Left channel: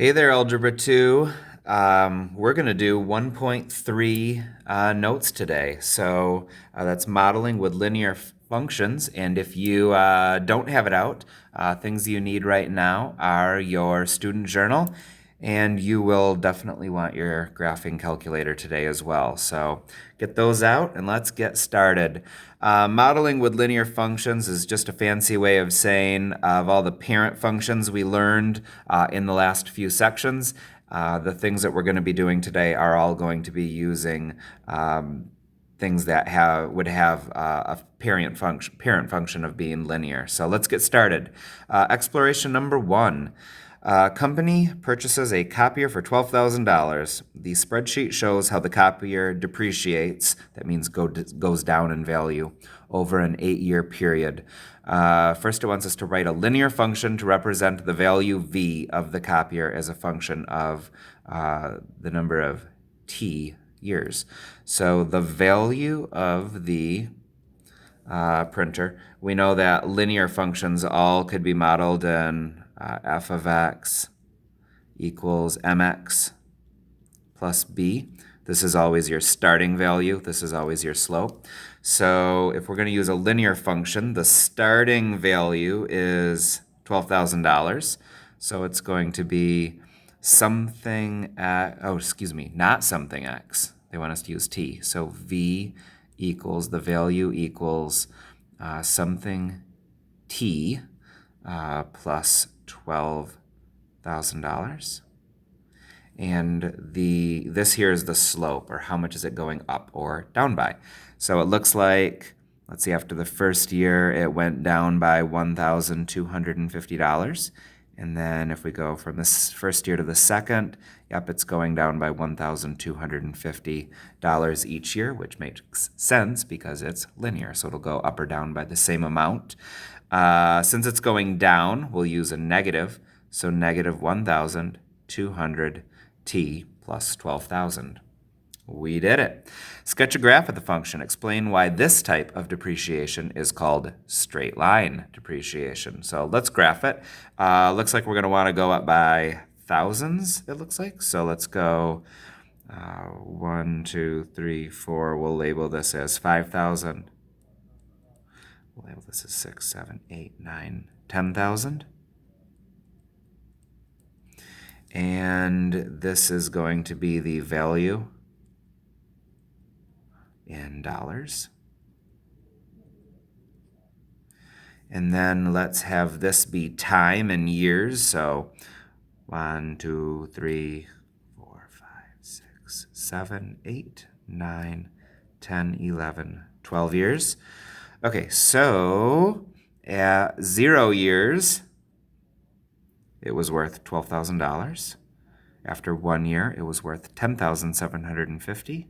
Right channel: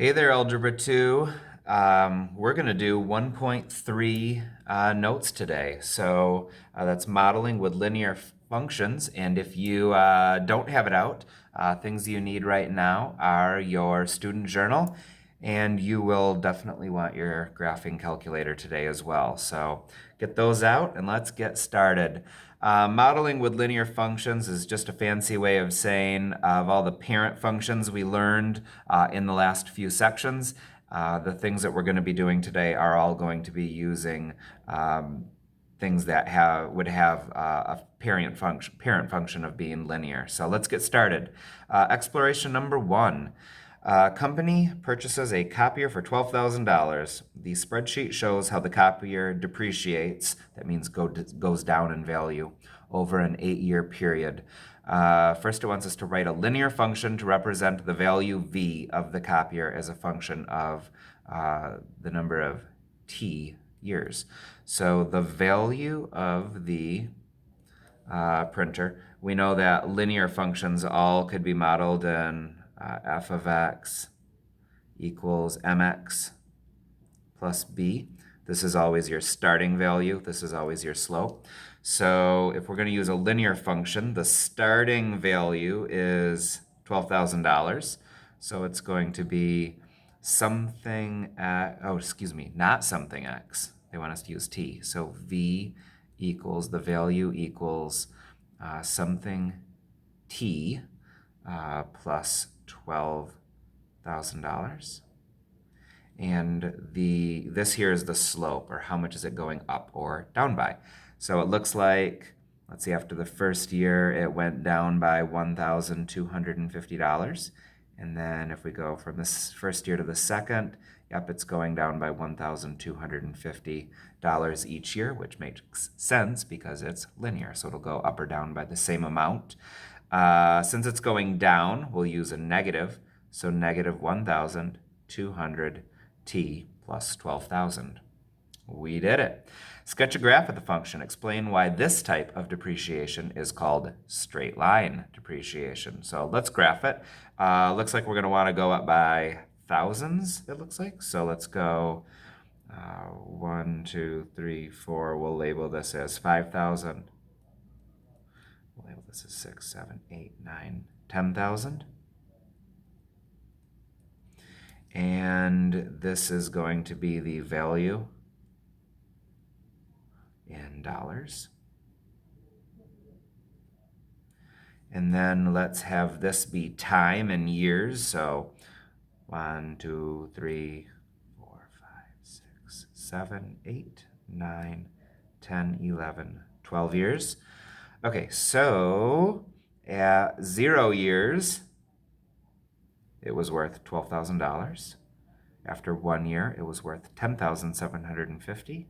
Hey there, Algebra 2. We're going to do 1.3 notes today. That's modeling with linear functions. And if you don't have it out, things you need right now are your student journal, and you will definitely want your graphing calculator today as well. So get those out and let's get started. Modeling with linear functions is just a fancy way of saying of all the parent functions we learned in the last few sections. The things that we're going to be doing today are all going to be using things that would have a parent function of being linear. So let's get started. Exploration number 1. Company purchases a copier for $12,000. The spreadsheet shows how the copier depreciates, that means goes down in value, over an 8-year period. First, it wants us to write a linear function to represent the value v of the copier as a function of the number of t years. So the value of the printer, we know that linear functions all could be modeled in f of x equals mx plus b. This is always your starting value. This is always your slope. So if we're going to use a linear function, the starting value is $12,000. So it's going to be something not something x. They want us to use t. So v equals, the value equals something t plus $12,000. And this here is the slope, or how much is it going up or down by. So it looks like, let's see, after the first year, it went down by $1,250. And then if we go from this first year to the second, yep, it's going down by $1,250 each year, which makes sense because it's linear. So it'll go up or down by the same amount. Since it's going down, we'll use a negative. So negative 1,200 t plus 12,000. We did it. Sketch a graph of the function. Explain why this type of depreciation is called straight line depreciation. So let's graph it. Looks like we're going to want to go up by thousands, it looks like. So let's go 1, 2, 3, 4. We'll label this as 5,000. We'll label this as 6, 7, 8, 9, 10,000. And this is going to be the value in dollars. And then let's have this be time in years. So 1, 2, 3, 4, 5, 6, 7, 8, 9, 10, 11, 12 years. Okay, so at 0 years, it was worth $12,000. After 1 year, it was worth $10,750.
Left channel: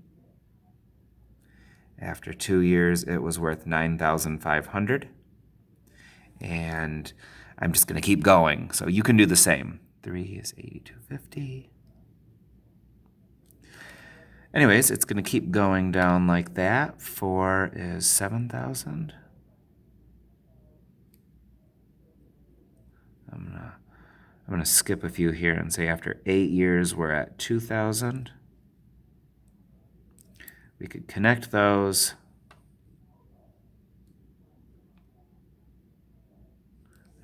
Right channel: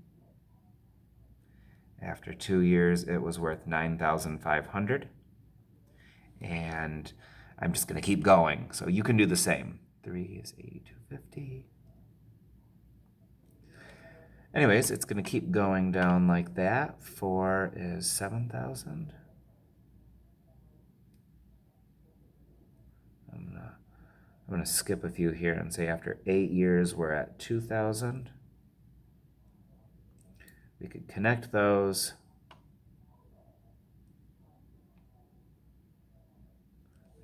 After 2 years, it was worth $9,500. And I'm just going to keep going. So you can do the same. 3 is 8,250. Anyways, it's going to keep going down like that. 4 is 7,000. I'm going to skip a few here and say after 8 years, we're at 2,000. We could connect those.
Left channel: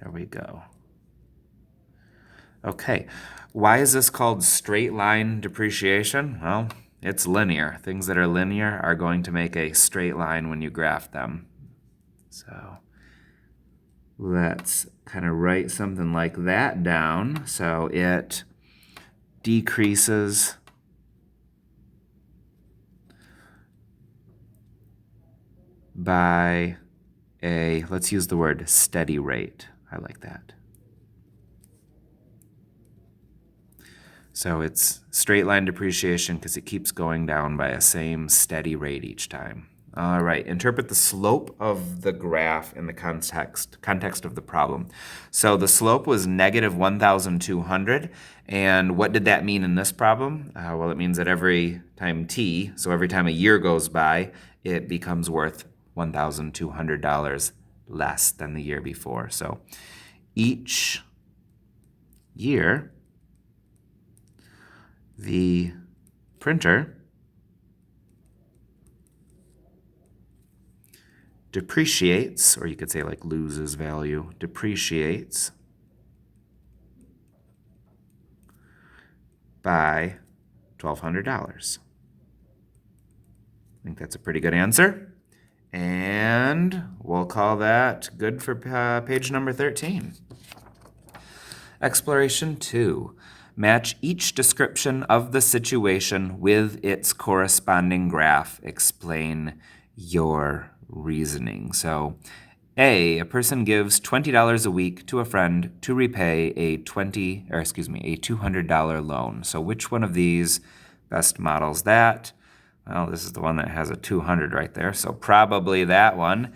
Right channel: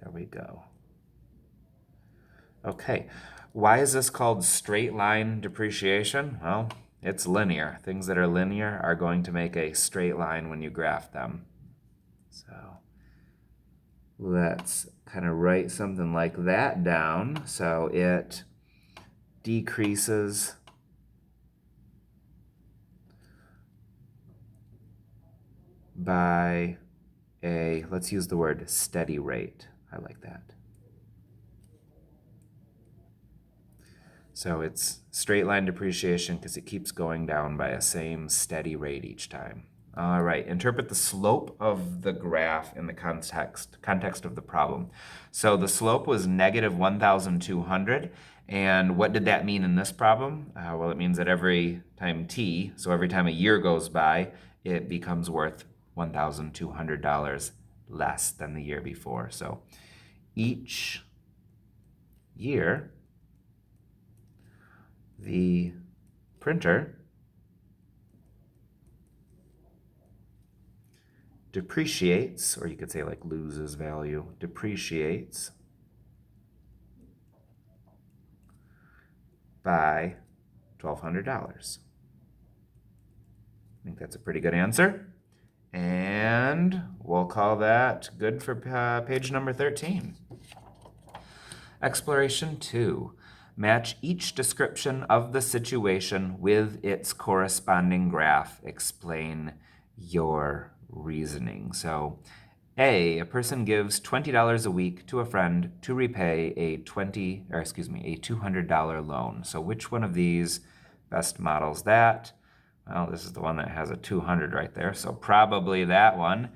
There we go. Okay, why is this called straight line depreciation? Well, it's linear. Things that are linear are going to make a straight line when you graph them. So let's kind of write something like that down. So it decreases by a, let's use the word steady rate. I like that. So it's straight line depreciation because it keeps going down by a same steady rate each time. All right, interpret the slope of the graph in the context of the problem. So the slope was negative 1,200. And what did that mean in this problem? Well, it means that every time t, so every time a year goes by, it becomes worth $1,200 less than the year before. So each year, the printer depreciates, or you could say like loses value, depreciates by $1,200. I think that's a pretty good answer. And we'll call that good for page number 13. Exploration 2. Match each description of the situation with its corresponding graph. Explain your reasoning. So, A, a person gives $20 a week to a friend to repay a $200 loan. So which one of these best models that? Well, this is the one that has a 200 right there, so probably that one.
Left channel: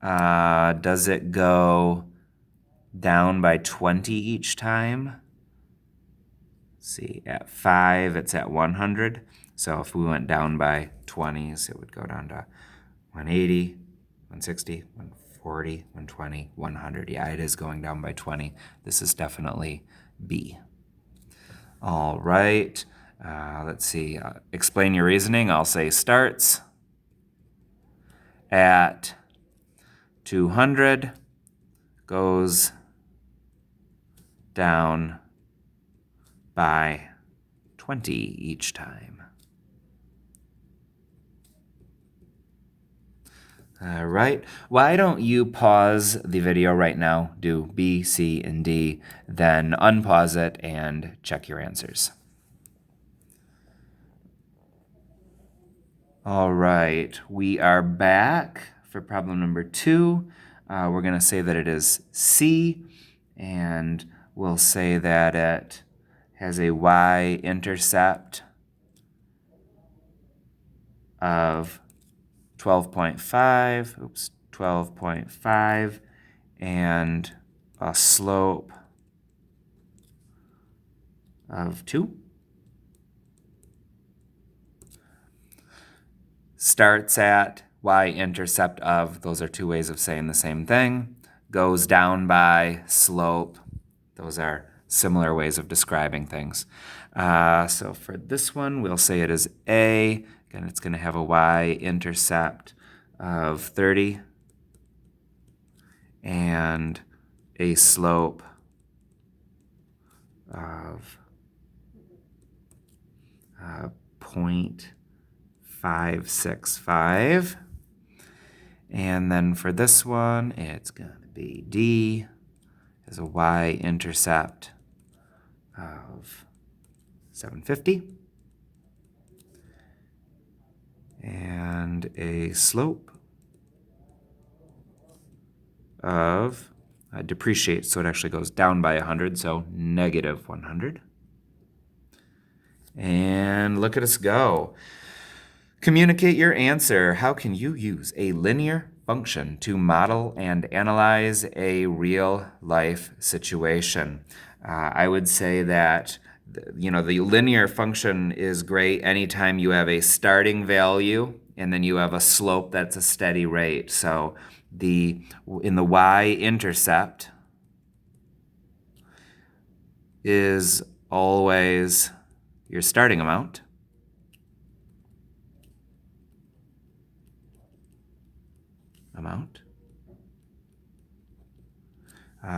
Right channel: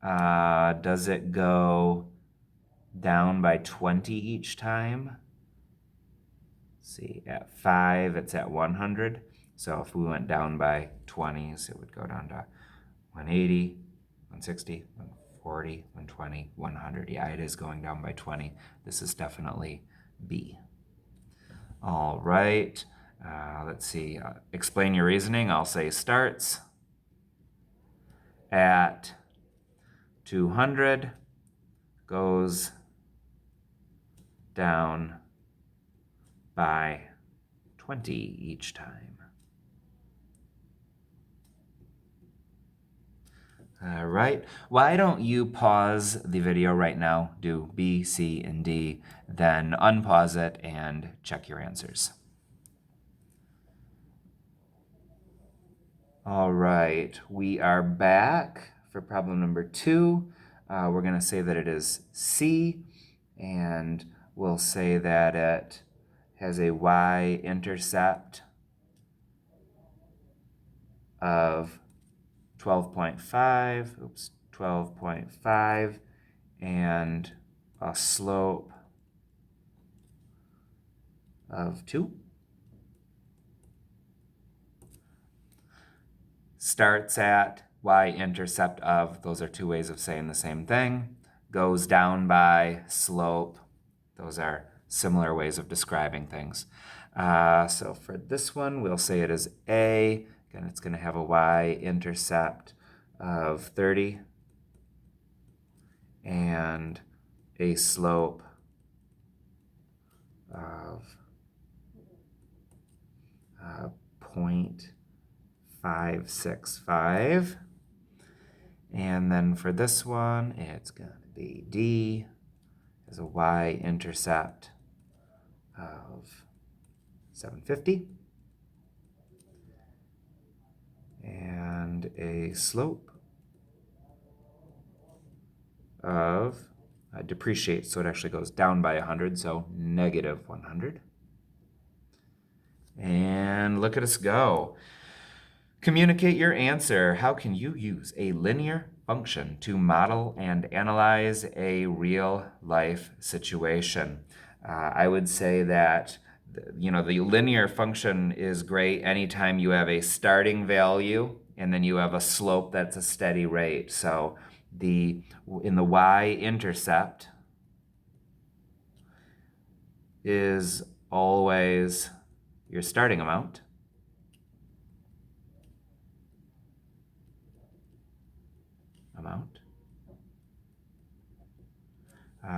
Does it go down by 20 each time? Let's see, at 5, it's at 100. So if we went down by 20s, it would go down to 180, 160, 140, 120, 100. Yeah, it is going down by 20. This is definitely B. All right. Let's see. Explain your reasoning. I'll say starts at 200, goes down by 20 each time. All right. Why don't you pause the video right now, do B, C, and D, then unpause it and check your answers. All right, we are back for problem number 2. We're going to say that it is C, and we'll say that it has a y-intercept of 12.5, and a slope of 2. Starts at y-intercept of, those are two ways of saying the same thing. Goes down by, slope, those are similar ways of describing things. So for this one, we'll say it is A. Again, it's going to have a y-intercept of 30 and a slope of 0.565. And then for this one, it's going to be D, has a y-intercept of 750 and a slope of depreciates, so it actually goes down by 100, so negative 100. And look at us go. Communicate your answer. How can you use a linear function to model and analyze a real-life situation? I would say that the linear function is great anytime you have a starting value and then you have a slope that's a steady rate. So in the y-intercept is always your starting amount.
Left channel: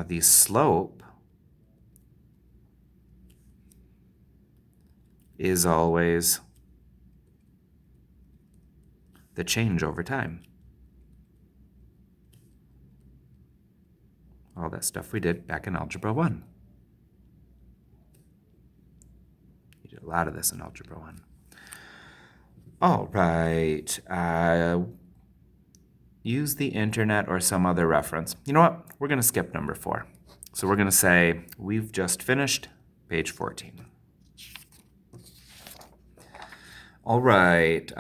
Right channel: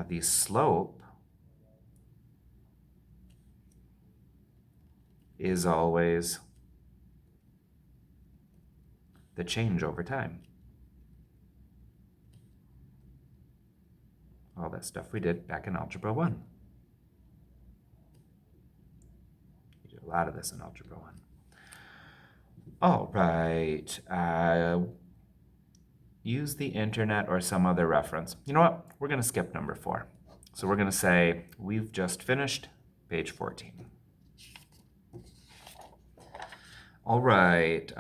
The slope is always the change over time. All that stuff we did back in Algebra 1. You did a lot of this in Algebra 1. All right. Use the internet or some other reference. You know what? We're going to skip number 4. So we're going to say we've just finished page 14. All right.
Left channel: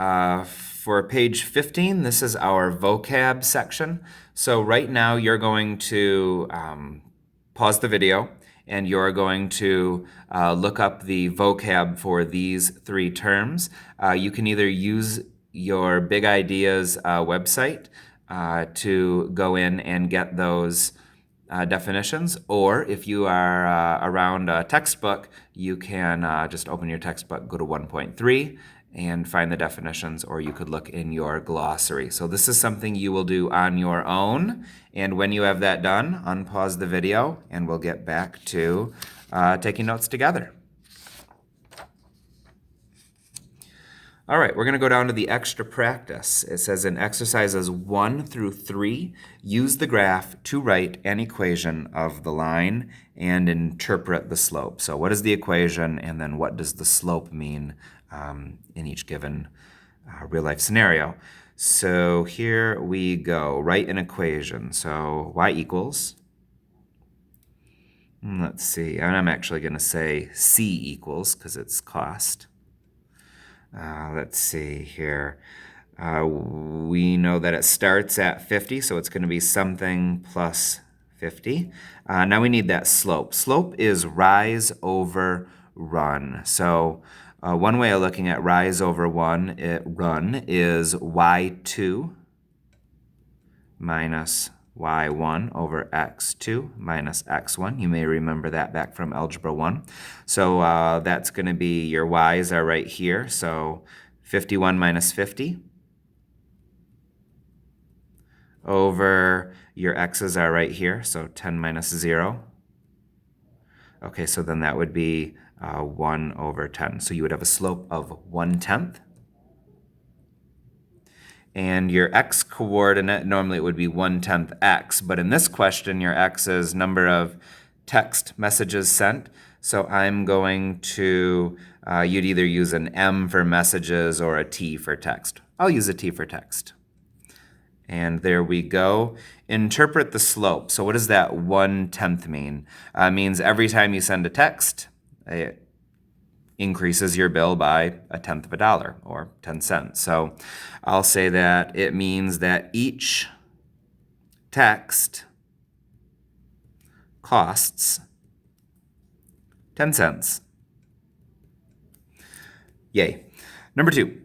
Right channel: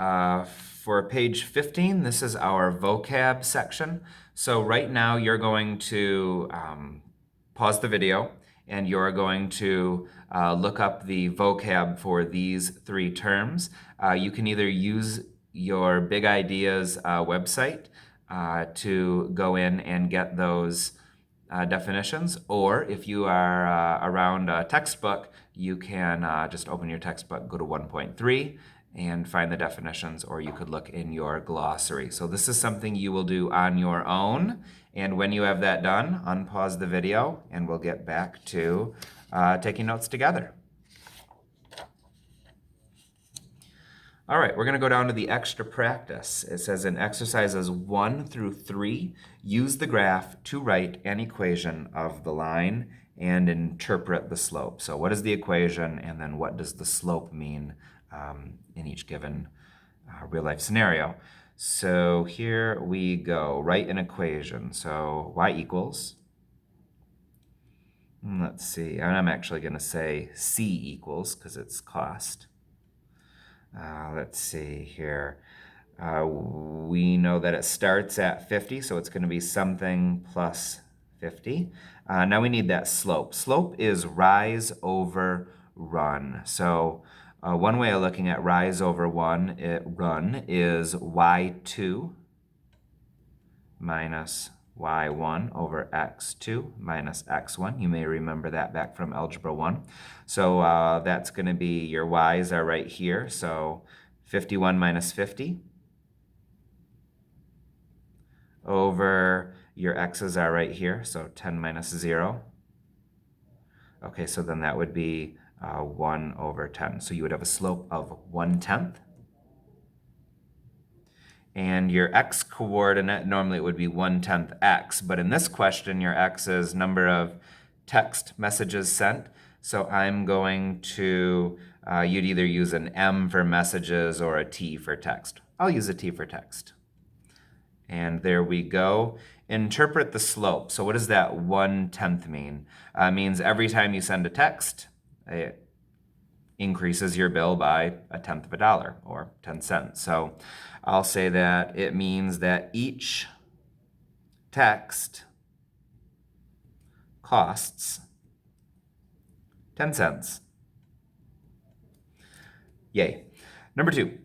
For page 15, this is our vocab section. So right now you're going to pause the video and you're going to look up the vocab for these 3 terms. You can either use your Big Ideas website to go in and get those definitions, or if you are around a textbook, you can just open your textbook, go to 1.3, and find the definitions, or you could look in your glossary. So this is something you will do on your own, and when you have that done, unpause the video, and we'll get back to taking notes together. All right, we're going to go down to the extra practice. It says in exercises 1 through 3, use the graph to write an equation of the line and interpret the slope. So what is the equation, and then what does the slope mean in each given real-life scenario? So here we go. Write an equation. So y equals, let's see, and I'm actually going to say c equals because it's cost. Let's see here. We know that it starts at 50, so it's going to be something plus 50. Now we need that slope. Slope is rise over run. So one way of looking at rise over run is y2 minus y1 over x2 minus x1. You may remember that back from Algebra 1. So that's going to be, your y's are right here. So 51 minus 50 over your x's are right here. So 10 minus 0. Okay, so then that would be 1 over 10. So you would have a slope of 1/10. And your x coordinate, normally it would be 1/10 x, but in this question, your x is number of text messages sent. So I'm going to, you'd either use an M for messages or a T for text. I'll use a T for text. And there we go. Interpret the slope. So what does that 1/10 mean? Means every time you send a text, it increases your bill by $0.1 or 10 cents. So I'll say that it means that each text costs 10 cents. Yay. Number 2,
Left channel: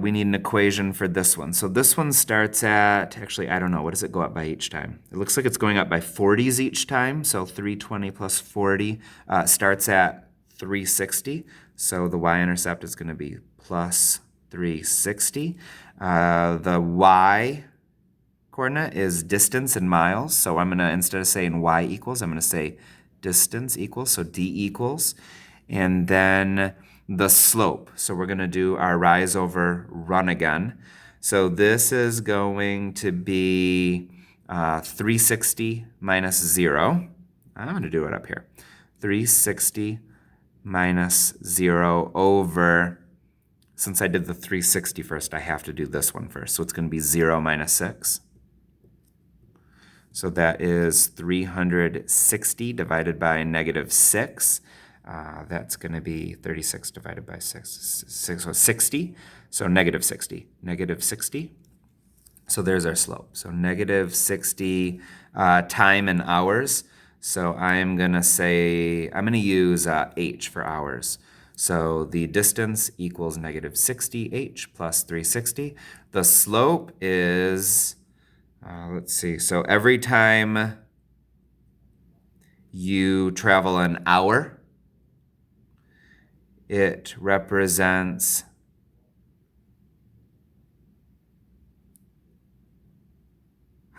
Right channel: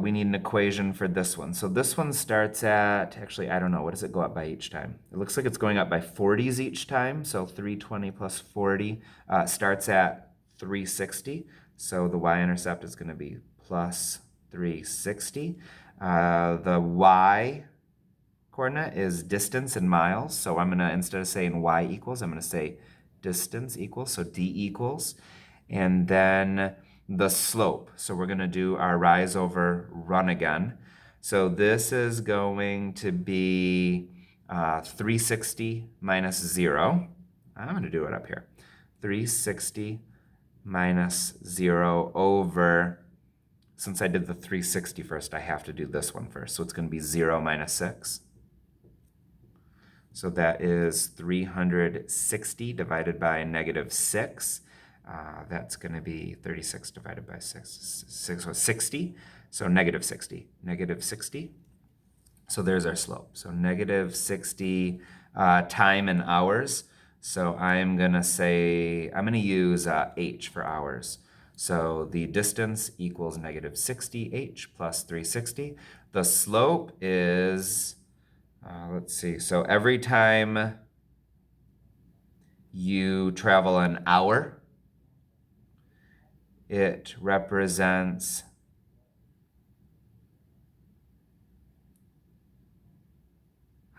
we need an equation for this one. So this one starts at, actually, I don't know, what does it go up by each time? It looks like it's going up by 40s each time. So 320 plus 40 starts at 360. So the y-intercept is going to be plus 360. The y coordinate is distance in miles. So I'm going to, instead of saying y equals, I'm going to say distance equals, so d equals. And then the slope. So we're going to do our rise over run again. So this is going to be 360 minus 0. I'm going to do it up here. 360 minus 0 over, since I did the 360 first, I have to do this one first. So it's going to be 0 minus 6. So that is 360 divided by negative 6. That's going to be 36 divided by 6, so 60. So negative 60. Negative 60. So there's our slope. So negative 60 time in hours. So I'm going to say, I'm going to use h for hours. So the distance equals negative 60 h plus 360. The slope is, let's see, so every time you travel an hour, it represents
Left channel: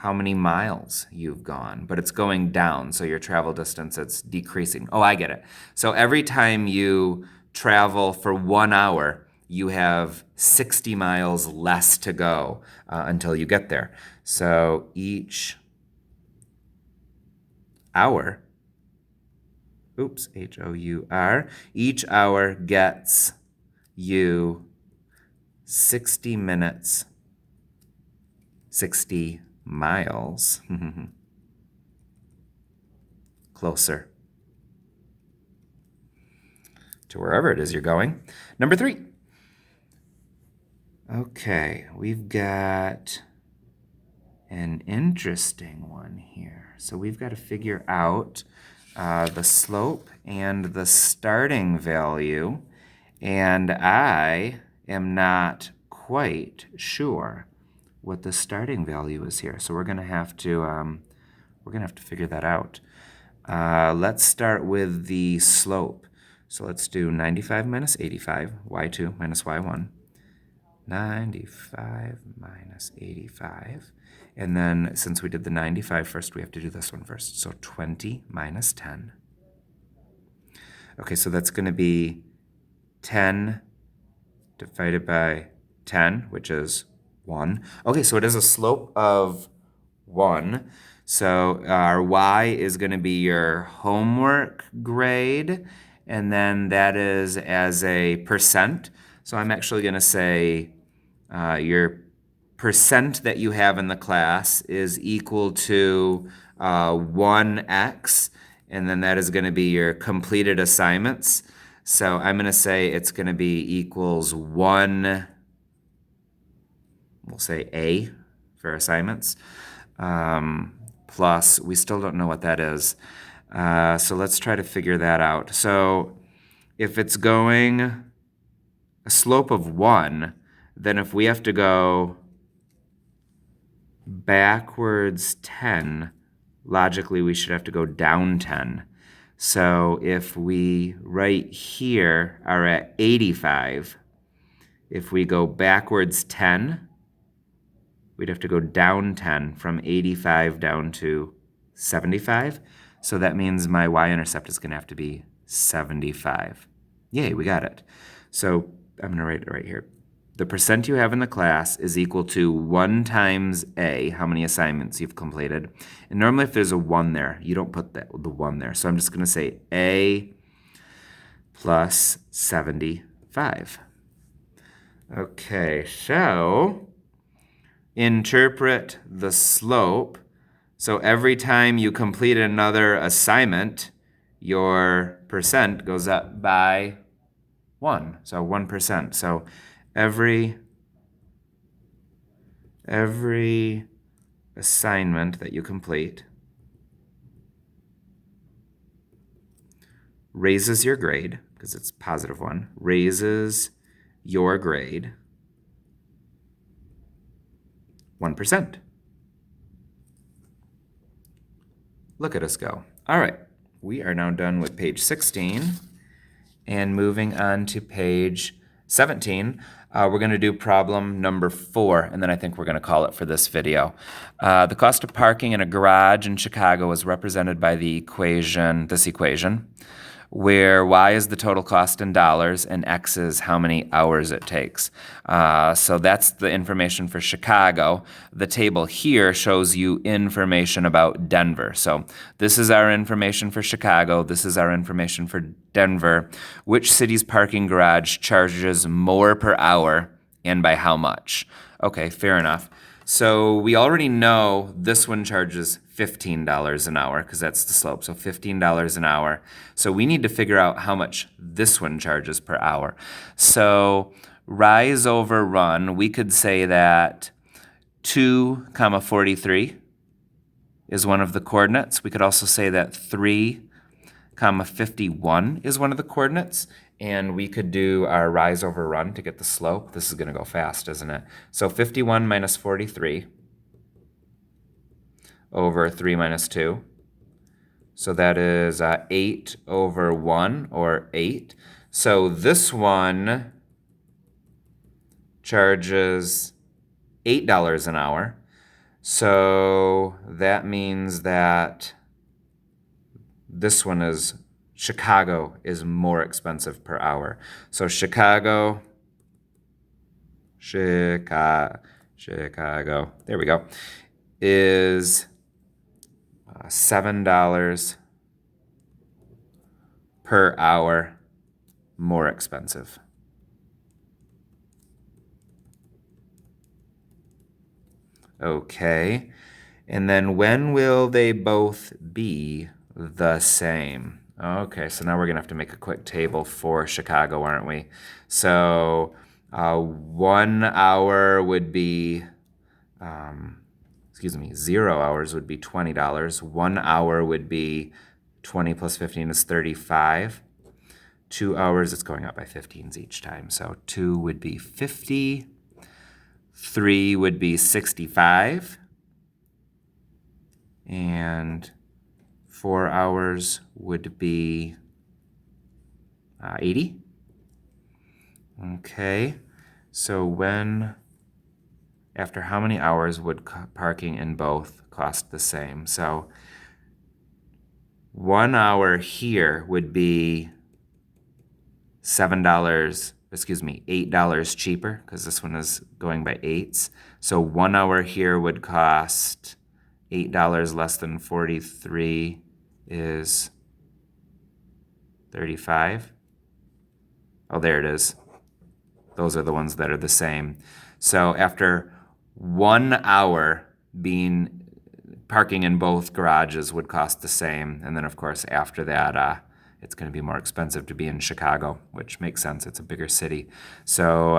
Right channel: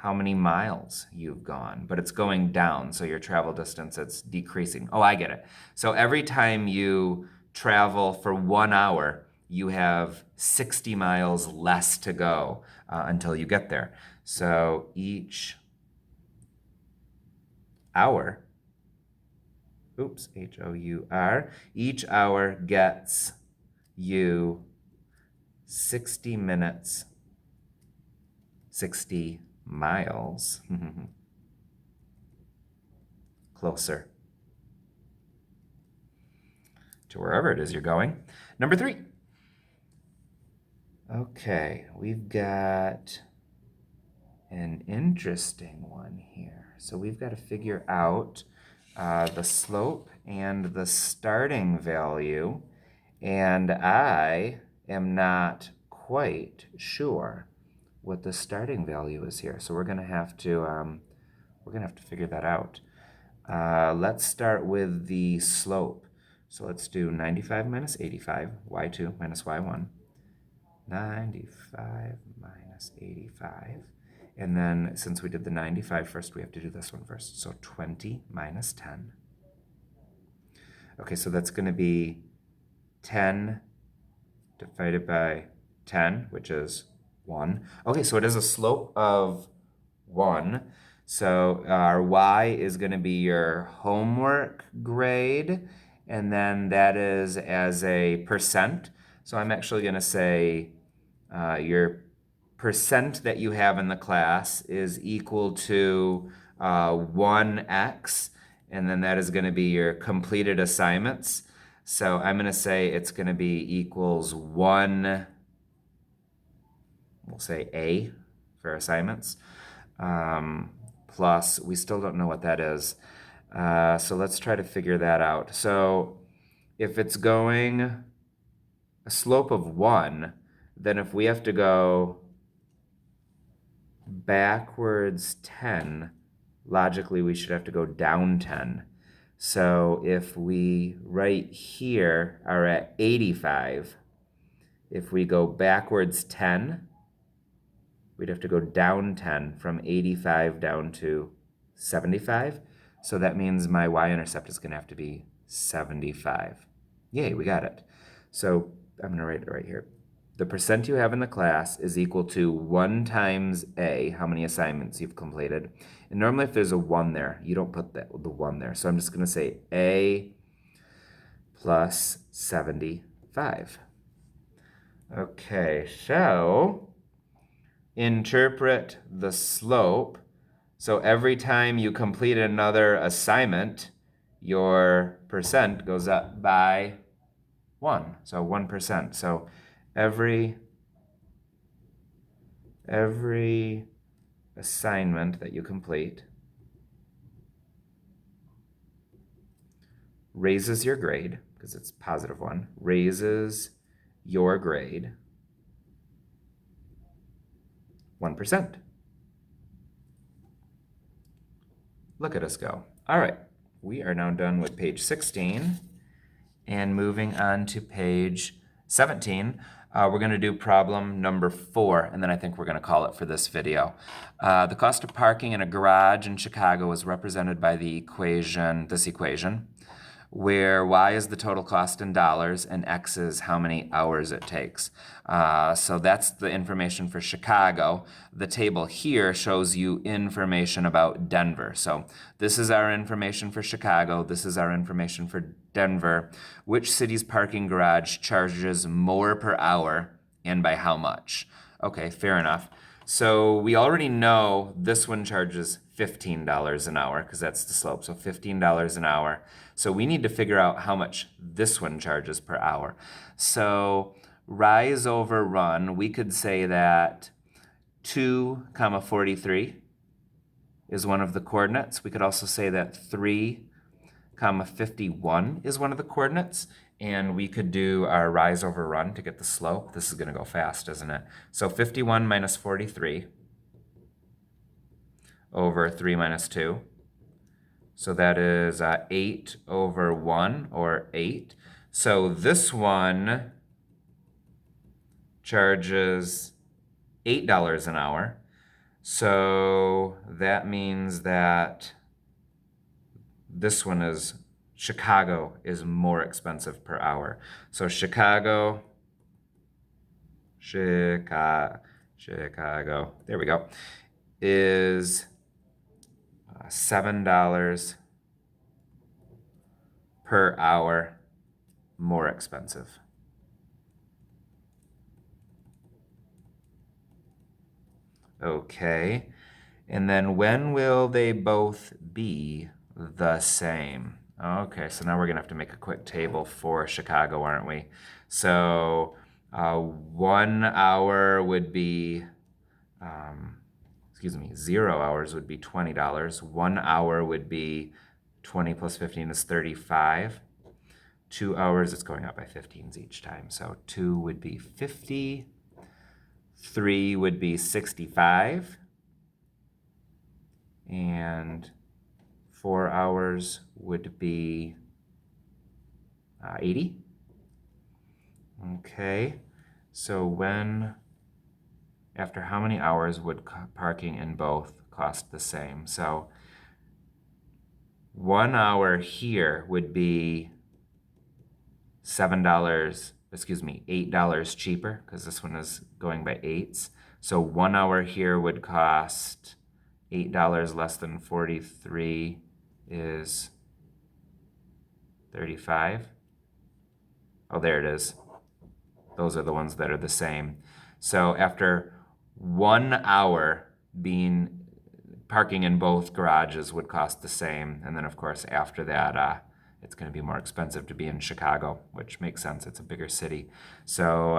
how many miles you've gone, but it's going down, so your travel distance, it's decreasing. Oh, I get it. So every time you travel for 1 hour, you have 60 miles less to go until you get there. So each hour, oops, H-O-U-R, each hour gets you 60 minutes, 60 miles closer to wherever it is you're going. Number 3. Okay, we've got an interesting one here. So we've got to figure out the slope and the starting value, and I am not quite sure what the starting value is here. So we're going to have to we're going to have to figure that out. Let's start with the slope. So let's do 95 minus 85, y2 minus y1. 95 minus 85. And then since we did the 95 first, we have to do this one first. So 20 minus 10. Okay, so that's going to be 10 divided by 10, which is 1. Okay, so it is a slope of 1. So our y is going to be your homework grade, and then that is as a percent. So I'm actually going to say your percent that you have in the class is equal to 1x, and then that is going to be your completed assignments. So I'm going to say it's going to be equals 1, we'll say A for assignments, plus, we still don't know what that is. So let's try to figure that out. So if it's going a slope of 1, then if we have to go backwards 10, logically we should have to go down 10. So if we right here are at 85, if we go backwards 10, we'd have to go down 10 from 85 down to 75. So that means my y-intercept is going to have to be 75. Yay, we got it. So I'm going to write it right here. The percent you have in the class is equal to 1 times A, how many assignments you've completed. And normally if there's a 1 there, you don't put the 1 there. So I'm just going to say A plus 75. Okay, so interpret the slope. So every time you complete another assignment, your percent goes up by 1. So 1%. So every assignment that you complete raises your grade, because it's positive 1, raises your grade 1%. Look at us go. All right, we are now done with page 16 and moving on to page 17. We're going to do problem number 4, and then I think we're going to call it for this video. The cost of parking in a garage in Chicago is represented by the equation, this equation, where y is the total cost in dollars and x is how many hours it takes. So that's the information for Chicago. The table here shows you information about Denver. So this is our information for Chicago. This is our information for Denver. Which city's parking garage charges more per hour and by how much? Okay, fair enough. So we already know this one charges $15 an hour because that's the slope, so $15 an hour. So we need to figure out how much this one charges per hour. So rise over run, we could say that 2, 43 is one of the coordinates. We could also say that 3, 51 is one of the coordinates. And we could do our rise over run to get the slope. This is going to go fast, isn't it? So 51 minus 43 over 3 minus 2. So that is 8 over 1, or 8. So this one charges $8 an hour. So that means that this one is Chicago is more expensive per hour. So Chicago, there we go, is $7 per hour more expensive. Okay, and then when will they both be the same? Okay, so now we're gonna have to make a quick table for Chicago, aren't we? So 1 hour would be, 0 hours would be $20. 1 hour would be 20 plus 15 is 35. 2 hours, it's going up by 15s each time. So 2 would be 50. 3 would be 65. And 4 hours would be 80. Okay, so after how many hours would parking in both cost the same? So 1 hour here would be $8 cheaper because this one is going by eights. So 1 hour here would cost $8 less than 43 is 35. Oh, there it is. Those are the ones that are the same. So after 1 hour being parking in both garages would cost the same. And then of course after that, it's going to be more expensive to be in Chicago, which makes sense. It's a bigger city. So